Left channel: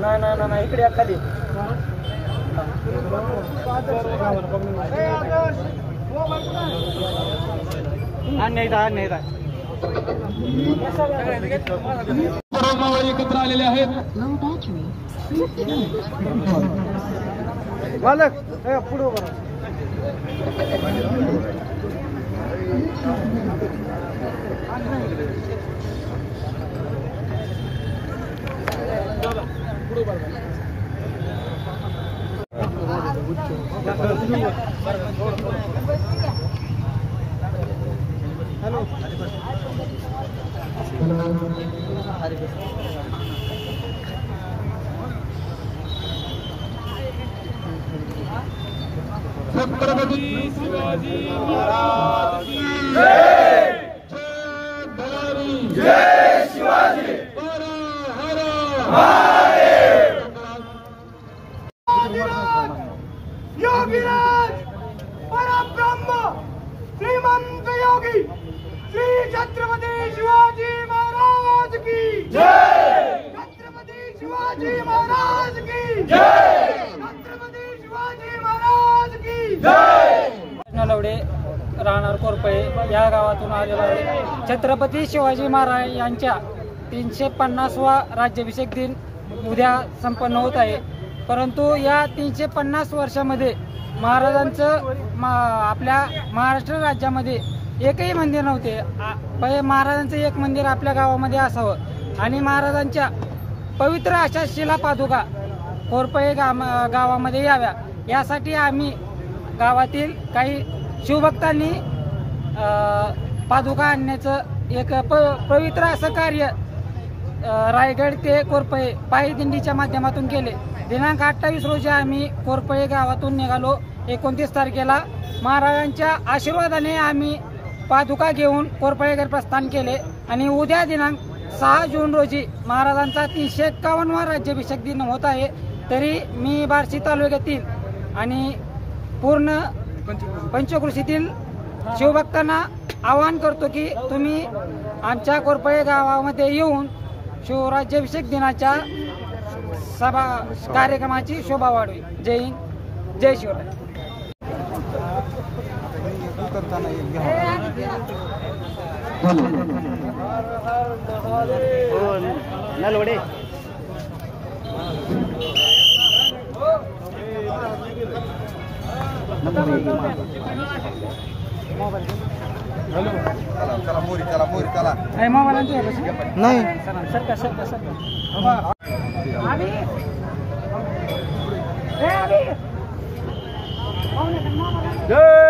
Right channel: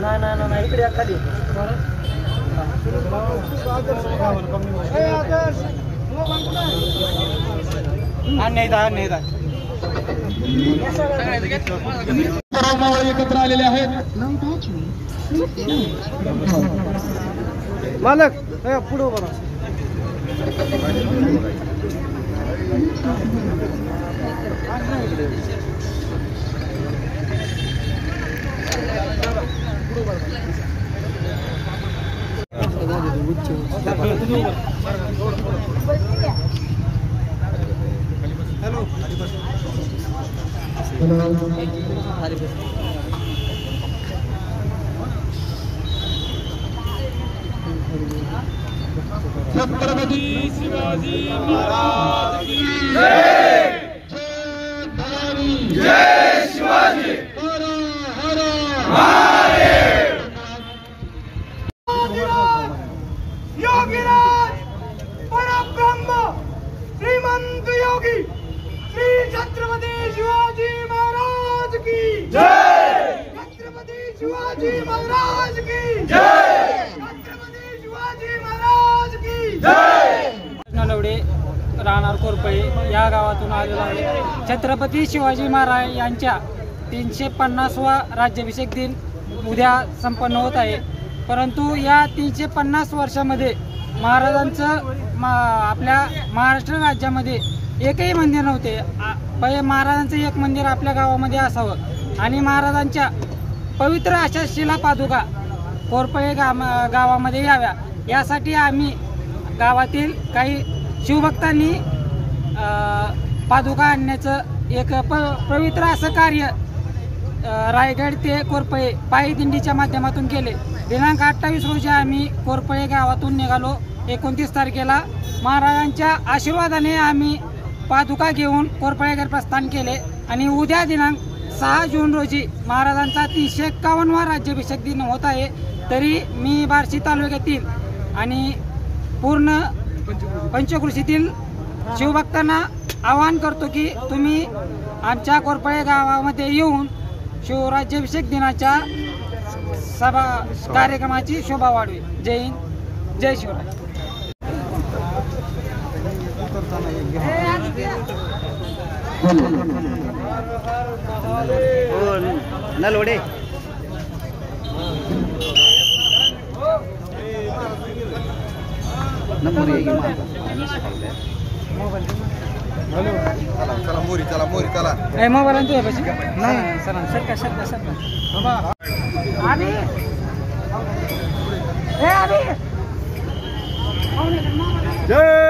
नाही इकडे खाली एकत्र आलेले आहेत मालक पुढे उभा हॅलो छत्रपती शिवाजी महाराज की जय जय शिवाजी हर हर महादेव योगीराज परब्रह्म श्रीमंत योगी श्री छत्रपती शिवाजी महाराज की जय छत्रपती शिवाजी महाराज की जय छत्रपती शिवाजी महाराज की जय नलवडे राहणार कोरपळे या गावातून आलेला आहे। छत्रपती शिवाजी महाराज यांच्या 350वा राज्याभिषेक दिन उद्या संपन्न होत आहे। परंतु या 350 वर्षामध्ये महाराजांचं आपल्या महाराष्ट्र राज्यामध्ये एकही मंदिर नव्हते। पहिले महाराजांचं एक मंदिर आपल्या गावामध्ये असावं आणि महाराजांच्या पवित्र अशा शिला पादुका कोरपळे गावामध्ये याव्या यासाठी आम्ही गावातील काही शिवभक्तांनी पादुका आणण्याचं एक पवित्र असं कार्य रायगड ते कोरपळे पायी दिंडीच्या माध्यमातून केले। दिनांक 28 रोजी आम्ही कोरपळे गावातून निघालो। 29 तारखेला महाराजांच्या आशीर्वादाने आम्ही पादुका घेऊन कोरपळेकडे प्रस्थान केले आणि उद्या दिनांक 6 जून रोजी महाराजांचा 351वा राज्याभिषेक दिन होत आहे। तरी मी बार्शी तालुक्यातील आणि पूर्ण पंचक्रोशीतील शिवभक्तांना आवाहन करतो की तुम्ही आमच्या कोरपळे गावामध्ये येऊन शिवराज्याभिषेक दिनाच्या सभा कार्यक्रमाची शोभा वाढवी। जय हिंद, जय शिवराय। हर हर महादेव नलवडे मोबाईल नाही सरका सरका सरका जय